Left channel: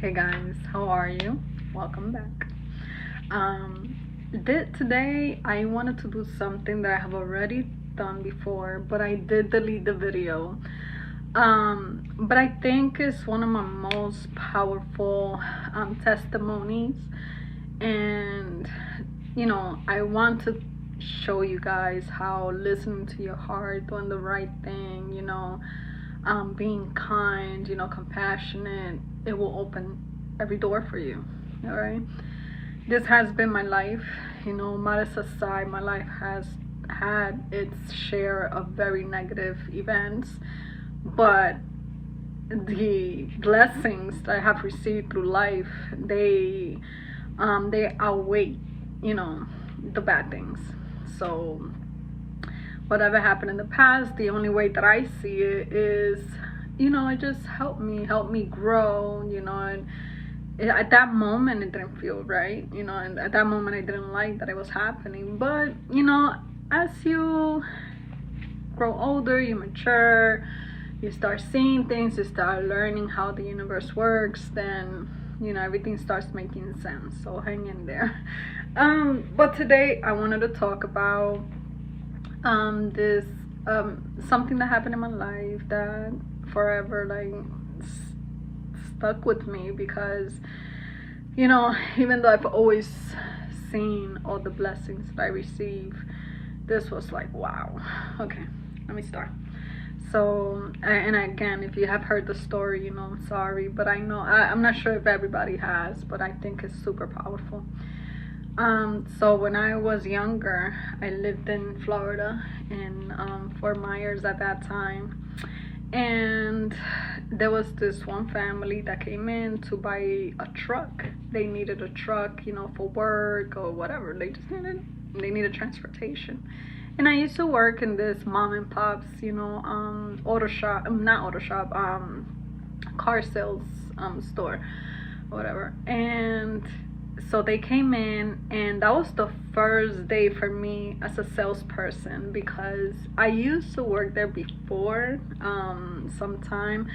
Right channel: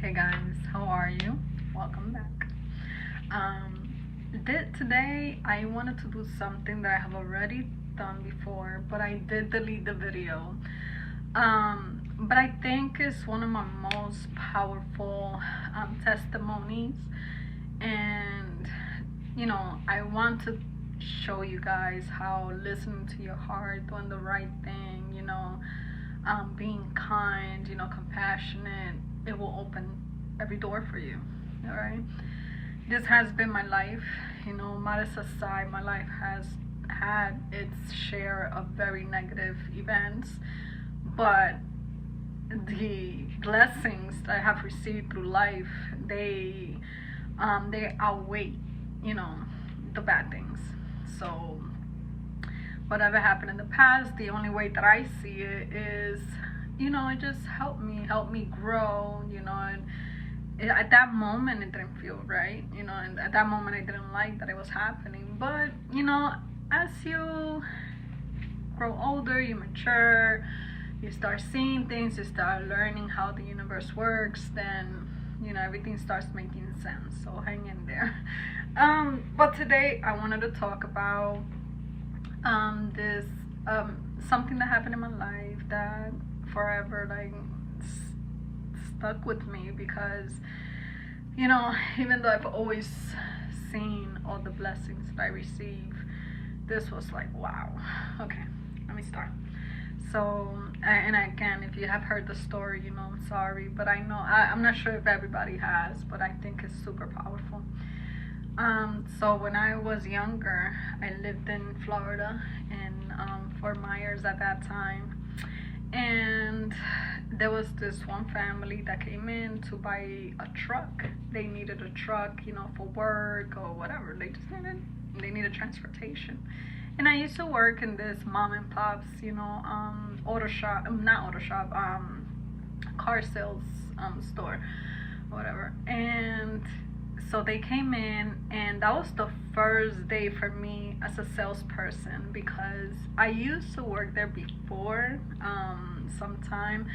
Hey guys, how are you? Welcome back. Today I wanted to do something that I have already done before, but I did delete the video. But I think it's one of my most powerful testimonies, and I want to show you guys how listening to your heart, doing the right thing, being kind, compassionate, it will open every door for you. All right. This has been my life. Modest aside, my life has had its share of very negative events, but the blessings that I have received through life, they outweigh, the bad things. So whatever happened in the past, the only way that I see it is, it just helped me grow, and at that moment it didn't feel right, and at that moment I didn't like that it was happening. But, as you grow older, you mature, you start seeing things, you start learning how the universe works, then, everything starts making sense. So hang in there. But today I wanted to talk about this something that happened in my life that forever stuck with me, because even though I've always seen all the blessings that I receive, this was like, wow. Okay, let me start. So, and again, if you have heard the story, I'm sorry, but I'm not sure if everybody has, but I think it's super powerful. So when I was younger, I lived in Florida, in Fort Myers at that time, and there was this one family that came in to buy a truck. They needed a truck, for work or whatever. They needed transportation. And I used to work in this mom and pop's, car sales store, whatever. And so they came in, and that was the first day for me as a salesperson, because I used to work there before sometime,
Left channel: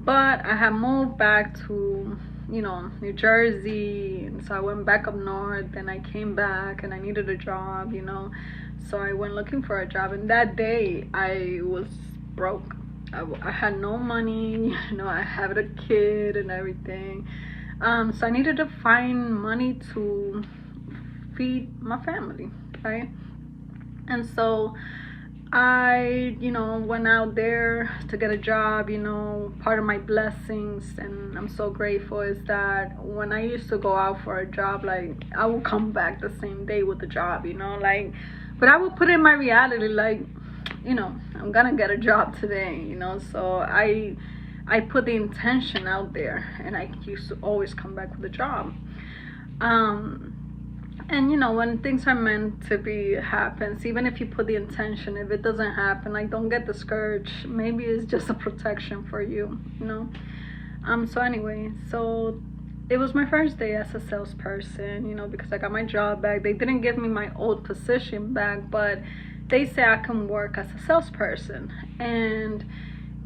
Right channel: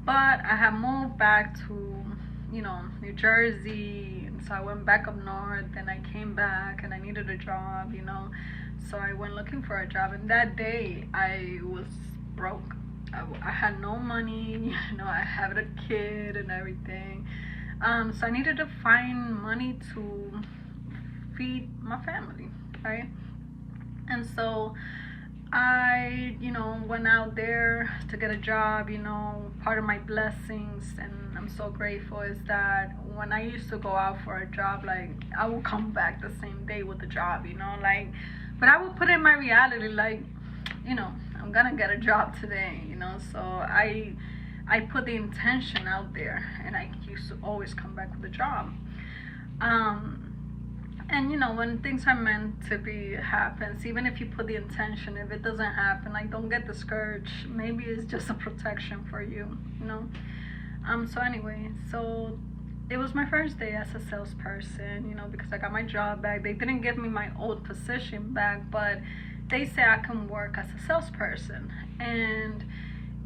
but I had moved back to New Jersey, and so I went back up north, and I came back and I needed a job, so I went looking for a job. And that day I was broke. I had no money, I had a kid and everything. So I needed to find money to feed my family, right? And so I, went out there to get a job. Part of my blessings, and I'm so grateful, is that when I used to go out for a job, I would come back the same day with the job, but I would put in my reality, I'm gonna get a job today, so I put the intention out there, and I used to always come back with a job. And when things are meant to be, it happens. Even if you put the intention, if it doesn't happen, don't get discouraged. Maybe it's just a protection for you, So anyway, so it was my first day as a salesperson, because I got my job back. They didn't give me my old position back, but they say I can work as a salesperson. And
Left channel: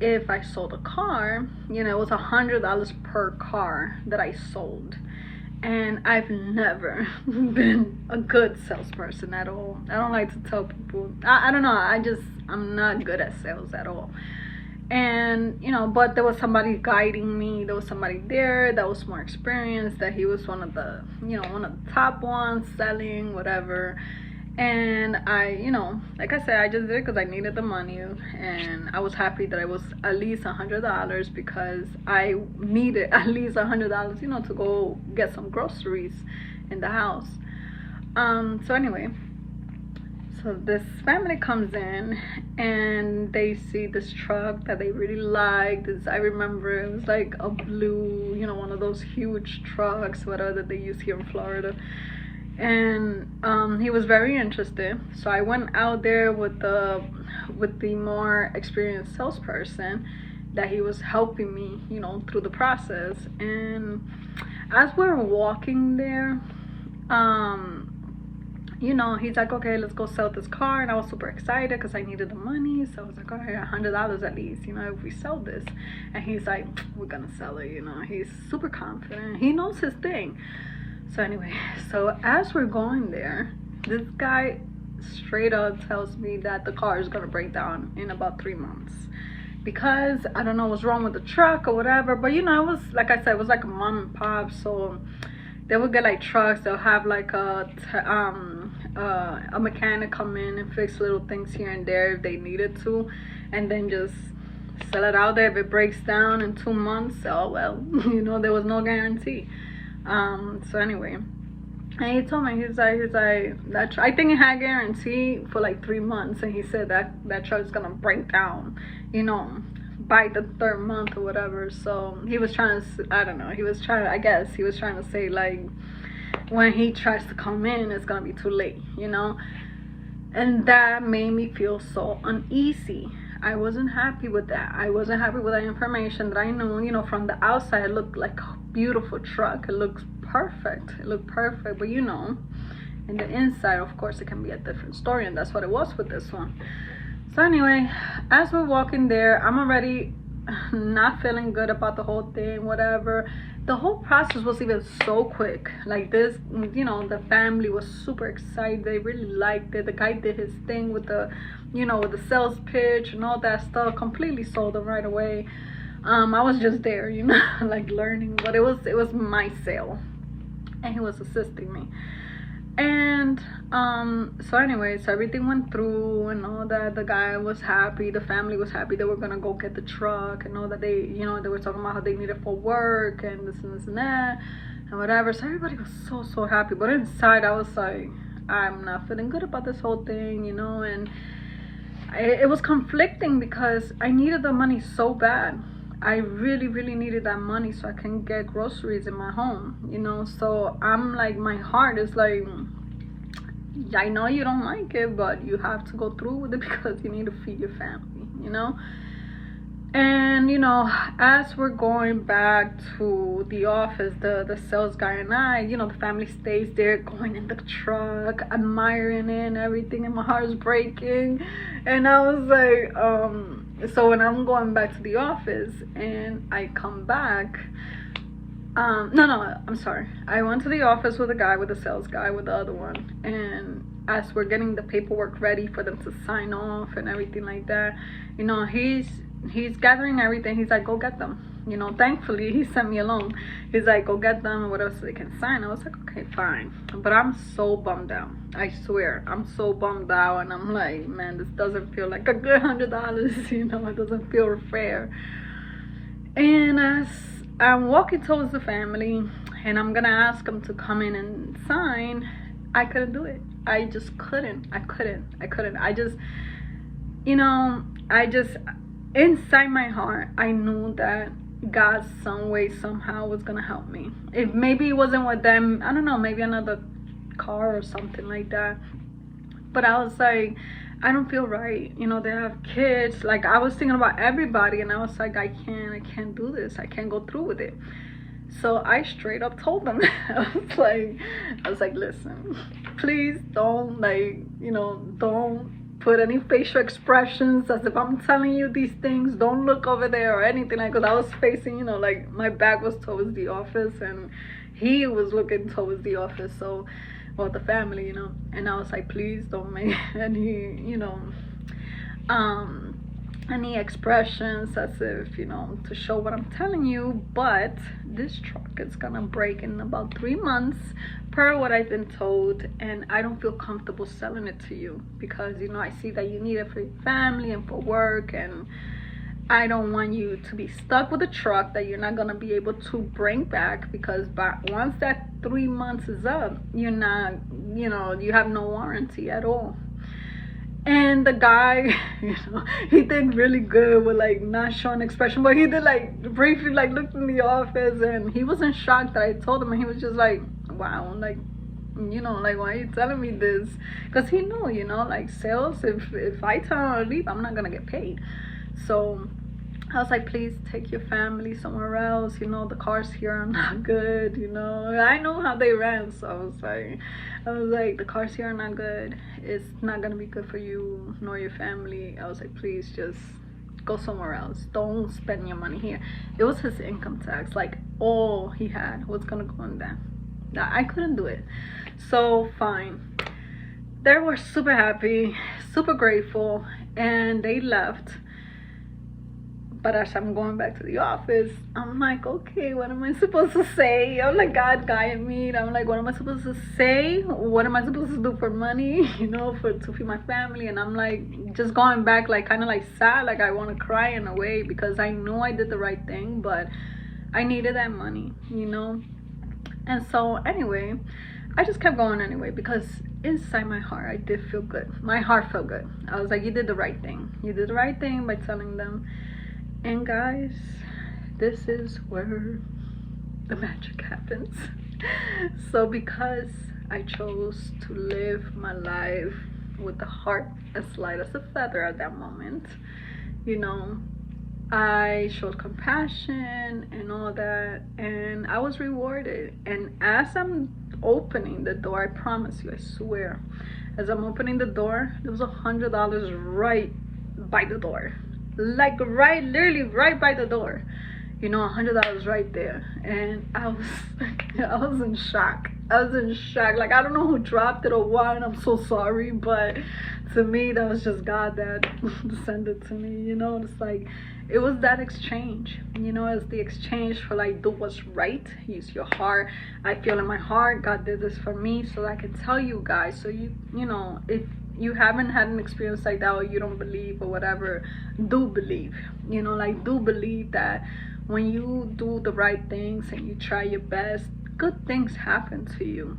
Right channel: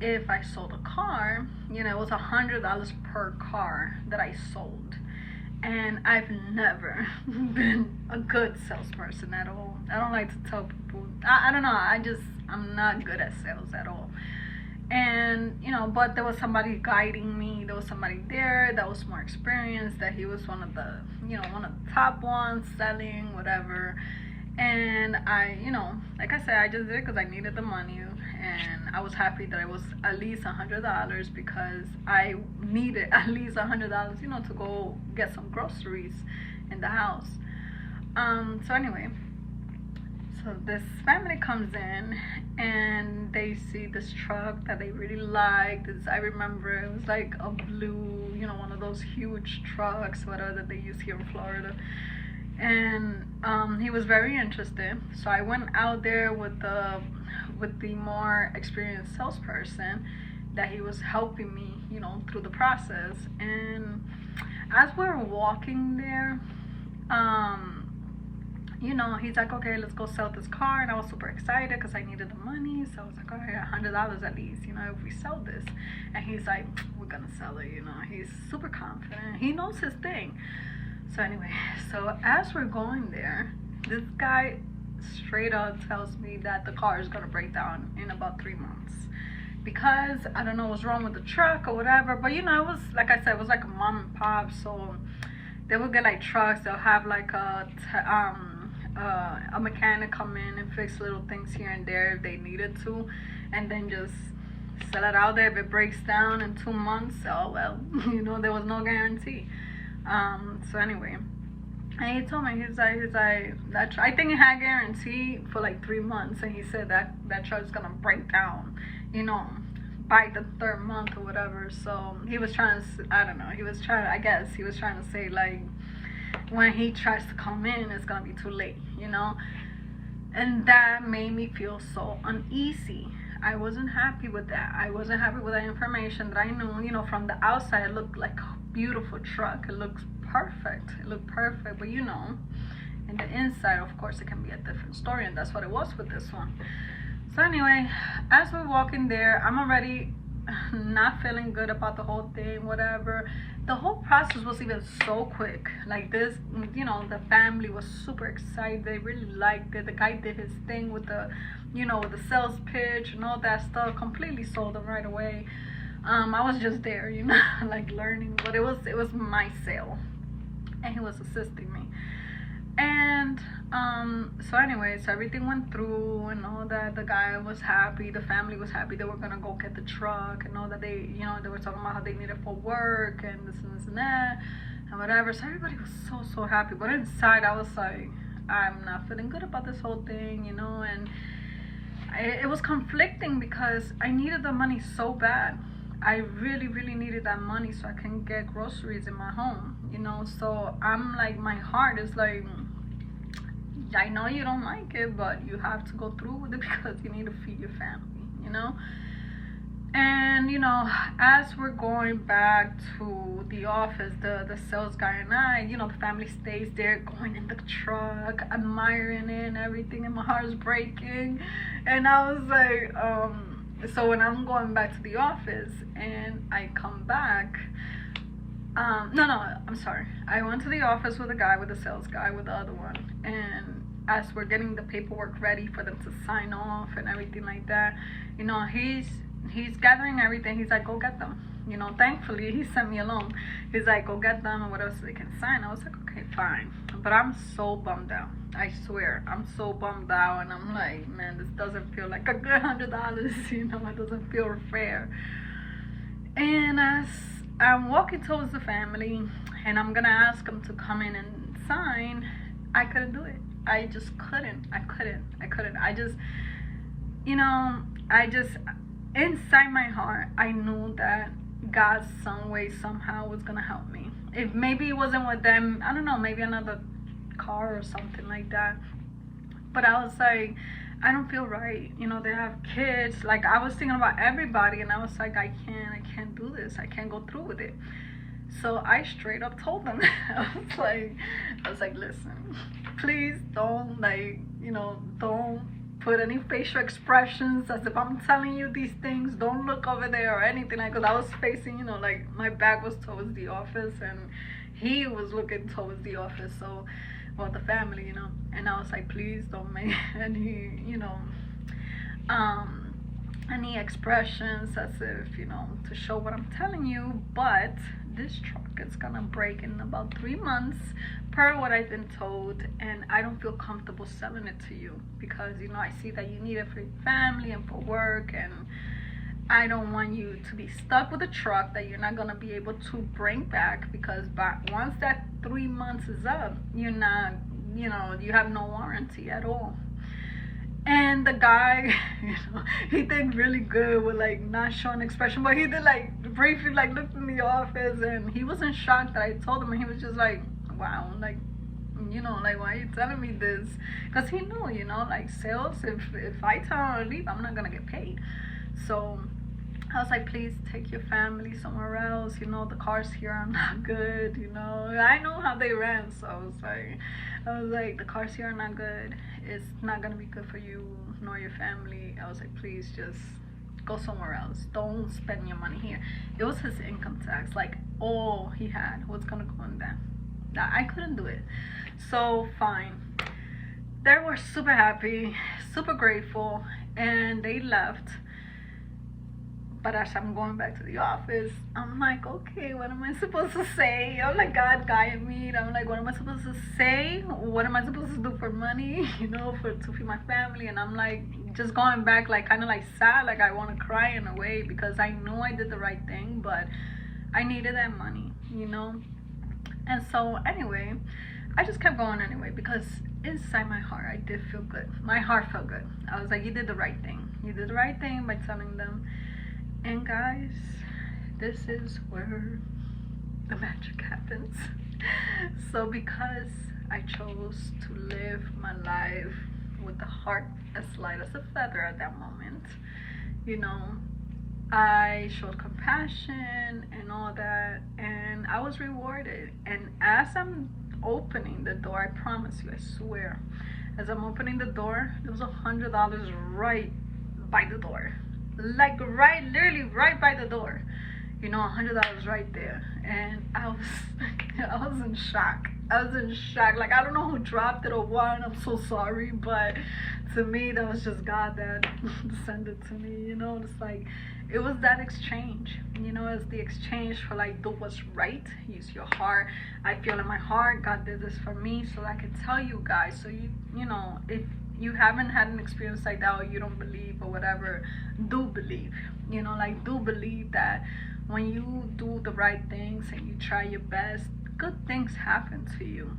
if I sold a car, it was $100 per car that I sold. And I've never been a good salesperson at all. I don't like to tell people. I don't know. I'm not good at sales at all. And, but there was somebody guiding me. There was somebody there that was more experienced, that he was one of the top ones selling, whatever. And I, like I said, I just did it because I needed the money, and I was happy that it was at least $100, because I needed at least $100, to go get some groceries in the house. So anyway, so this family comes in, and they see this truck that they really liked. I remember it was like a blue, one of those huge trucks, whatever, that they use here in Florida. And he was very interested, so I went out there with the more experienced salesperson, that he was helping me, through the process. And as we're walking there, he's like, okay, let's go sell this car. And I was super excited because I needed the money. So I was like, all right, $100 at least, if we sell this. And he's like, we're gonna sell it, he's super confident. he knows his thing. So anyway, so as we're going there, this guy straight up tells me that the car is gonna break down in about 3 months, because I don't know what's wrong with the truck or whatever. But you know, it was, like I said, it was like a mom and pop, so they would get like trucks. They'll have like a mechanic come in and fix little things here and there if they needed to, and then just sell it out there. If it breaks down in 2 months, oh well, you know, there was no guarantee. So anyway, and he told me, he's like that I think it had guarantee for like 3 months, and he said that truck's gonna break down, you know, by the 3rd month or whatever. So he was trying to, I don't know, I guess he was trying to say like, when he tries to come in, it's gonna be too late, you know. And that made me feel so uneasy. I wasn't happy with that. I wasn't happy with that information that I knew, you know, from the outside it looked like a beautiful truck. It looked perfect. But you know, in the inside, of course, it can be a different story, and that's what it was with this one. So anyway, as we're walking there, I'm already not feeling good about the whole thing, whatever. The whole process was even so quick. Like this, you know, the family was super excited. They really liked it. The guy did his thing with the, you know, with the sales pitch and all that stuff. Completely sold them right away. I was just there, you know, like learning. But it was my sale, and he was assisting me. And so anyway, so everything went through and all that. The guy was happy, the family was happy. They were gonna go get the truck, and all that. They, you know, they were talking about how they need it for work and this and this and that and whatever. So everybody was so happy. But inside I was like, I'm not feeling good about this whole thing, you know. And it was conflicting because I needed the money so bad. I really needed that money so I can get groceries in my home, you know. So I'm like, my heart is like, I know you don't like it, but you have to go through with it because you need to feed your family, you know. And you know, as we're going back to the office, the sales guy and I, you know, the family stays there, going in the truck, admiring it and everything, and my heart's breaking. And I was like, so when I'm going back to the office and I come back, no, I'm sorry. I went to the office with the guy, with the sales guy, with the other one, and as we're getting the paperwork ready for them to sign off and everything like that, you know, he's gathering everything. He's like, go get them. You know, thankfully he sent me alone. He's like, go get them and what else they can sign. I was like, okay, fine. But I'm so bummed out. I swear, I'm so bummed out, and I'm like, man, this doesn't feel like a good $100. You know, it doesn't feel fair. And as I'm walking towards the family, and I'm gonna ask them to come in and sign, I couldn't do it. I just couldn't. I couldn't. I just, you know, inside my heart, I knew that God some way, somehow was gonna help me. If maybe it wasn't with them, I don't know, maybe another car or something like that. But I was like, I don't feel right. You know, they have kids. Like, I was thinking about everybody, and I was like, I can't do this. I can't go through with it. So I straight up told them. I was like, listen, please don't, like, you know, don't put any facial expressions as if I'm telling you these things. Don't look over there or anything, like, because I was facing, you know, like, my back was towards the office, and he was looking towards the office. So, well, the family, you know. And I was like, please don't make any, you know, any expressions as if, you know, to show what I'm telling you. But this truck is gonna break in about 3 months per what I've been told, and I don't feel comfortable selling it to you because, you know, I see that you need it for your family and for work, and I don't want you to be stuck with a truck that you're not gonna be able to bring back, because once that 3 months is up, you're not, you know, you have no warranty at all. And the guy, you know, he did really good with, like, not showing expression, but he did, like, briefly, like, looked in the office, and he wasn't shocked that I told him, and he was just like, wow, like, you know, like, why are you telling me this? Because he knew, you know, like, sales, if I tell him to leave, I'm not gonna get paid. So I was like, please take your family somewhere else. You know, the cars here are not good. You know, I know how they ran. So I was like, the cars here are not good. It's not going to be good for you nor your family. I was like, please just go somewhere else. Don't spend your money here. It was his income tax. Like, all he had was gonna go in that. Now, I couldn't do it. So, fine. They were super happy, super grateful, and they left. But as I'm going back to the office, I'm like, okay, what am I supposed to say? I'm like, God guided me. I'm like, what am I supposed to say? What am I supposed to do for money? You know, to feed my family. And I'm like, just going back, like, kind of like sad, like I want to cry in a way, because I know I did the right thing, but I needed that money, you know. And so anyway, I just kept going anyway, because inside my heart, I did feel good. My heart felt good. I was like, you did the right thing. You did the right thing by telling them. And guys, this is where the magic happens. So because I chose to live my life with the heart as light as a feather at that moment, you know, I showed compassion and all that, and I was rewarded. And as I'm opening the door, I promise you, I swear, as I'm opening the door, there was $100 right by the door. Like literally right by the door, you know, $100 right there. And I was in shock. Like, I don't know who dropped it or what. I'm so sorry, but to me, that was just God that sent it to me. You know, it's like, it was that exchange. You know, it's the exchange for, like, do what's right. Use your heart. I feel in my heart, God did this for me, so I can tell you guys. So you know, if you haven't had an experience like that, or you don't believe or whatever, do believe. You know, like, do believe that when you do the right things and you try your best, good things happen to you.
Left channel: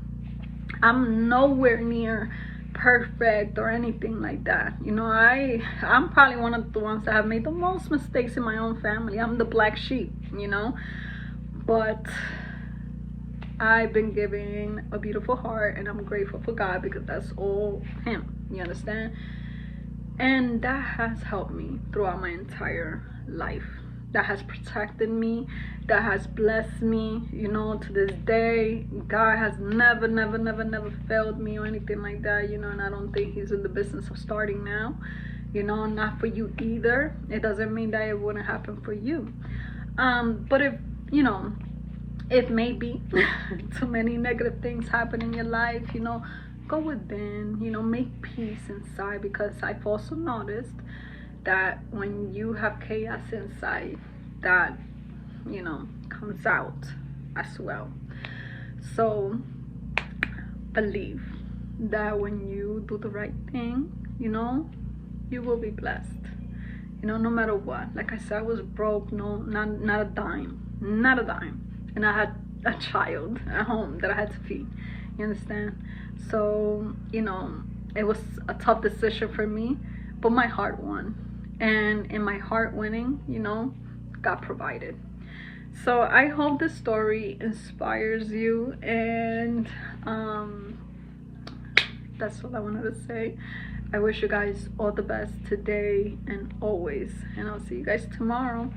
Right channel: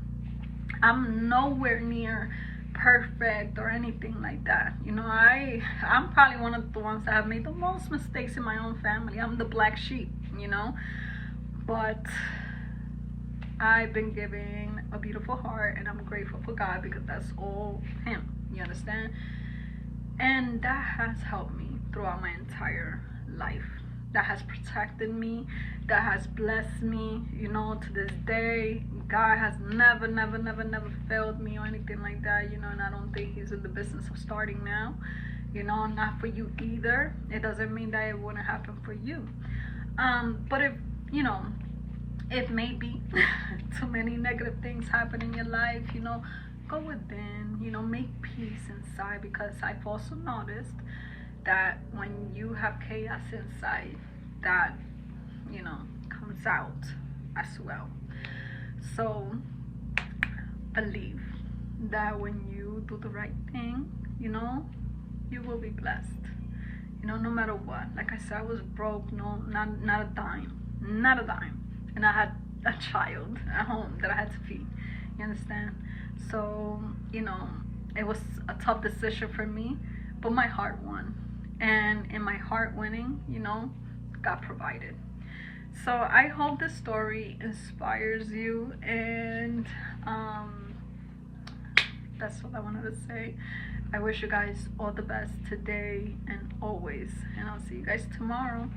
I'm nowhere near perfect or anything like that. You know, I'm probably one of the ones that have made the most mistakes in my own family. I'm the black sheep, you know, but I've been given a beautiful heart, and I'm grateful for God, because that's all Him. You understand? And that has helped me throughout my entire life. That has protected me. That has blessed me. You know, to this day, God has never failed me or anything like that. You know, and I don't think He's in the business of starting now. You know, not for you either. It doesn't mean that it wouldn't happen for you. But if, you know, it may be too many negative things happen in your life, you know, go within, you know, make peace inside, because I've also noticed that when you have chaos inside, that, you know, comes out as well. So believe that when you do the right thing, you know, you will be blessed. You know, no matter what. Like I said, I was broke, not a dime. And I had a child at home that I had to feed. You understand? So, you know, it was a tough decision for me, but my heart won. And in my heart winning, you know, God provided. So I hope this story inspires you, and that's all I wanted to say. I wish you guys all the best today and always, and I'll see you guys tomorrow.